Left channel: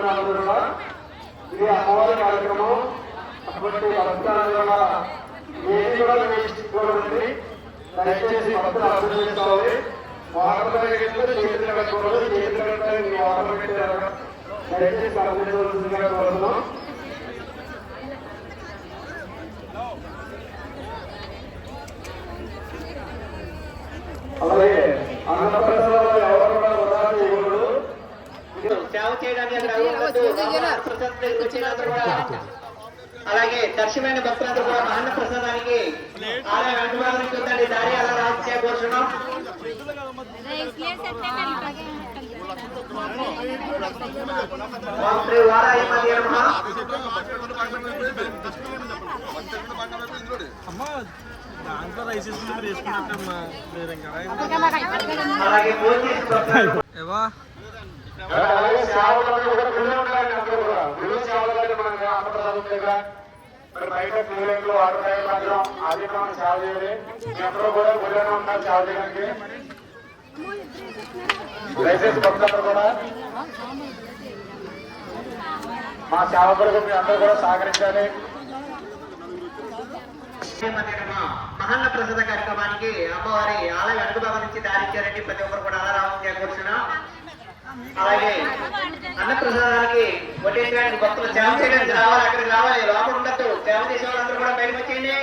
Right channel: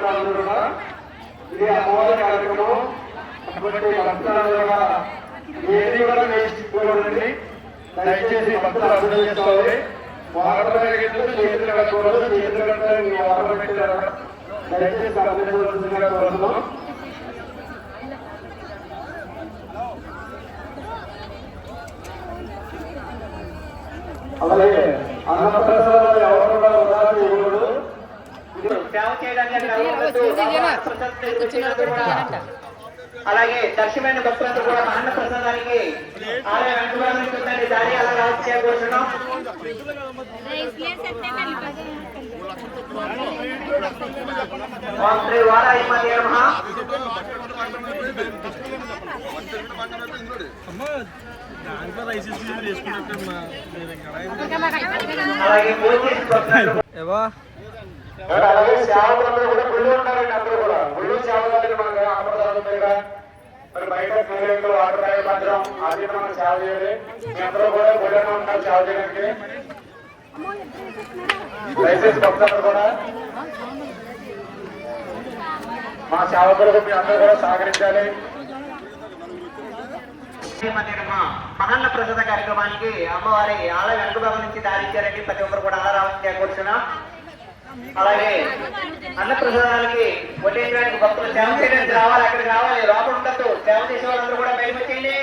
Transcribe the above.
కూడా అందరూ ఇది అమ్మవారి కార్యక్రమం కాబట్టి దయచేసి భక్తులు అభివృద్ధి చేసుకోవాలి వాహనపై చేతులు కట్టుకోవాలి చేతులు కట్టే మీ వాహనం పెట్టారు. దయచేసి అభివృద్ధిగా కోరుతున్నాం అలాగే అన్నప్రసాద్ అలాగే దర్శమైన భక్తులందరూ కూడా అన్న ప్రసాదానికి ఆలయ వెంటూరానికి ఉందండి దారి అలా చేయకూడదు అలాగే చేసి అలాగే సేవకులందరూ కూడా గుళ్ళు ఉంటారండి అందరూ కూడా. గుళ్ళు సేవలు మనం మనకు మరి బయట క్లినిక్లు వాటర్ ప్యాకెట్ పట్టడం అది మనం సేవ చేయాలి. మీ అందరూ కూడా గుళ్ళనే ఉంటారు సేవ చేయడానికి. దయచేసి భక్తులందరూ కూడా మా సేవకులకు మీ అందరూ కూడా సహకరించాలి. మహన్న ప్రసాద కార్యక్రమానికి అమ్మవారి ఆలయ వెనుక భాగం నుంచి దారించారండి ప్రతి ఒక్కరు కూడా అలా రావచ్చు కూర్చున్నాం. అలాగే అన్నప్రసాదానికి ప్రసాదానికి భక్తులు సేవ చేయడానికి రావాలి అక్కడ రావాలి. లోపల ఉండదు సేవ చేసే వాళ్ళందరూ కూడా బయటకు వచ్చేయండి.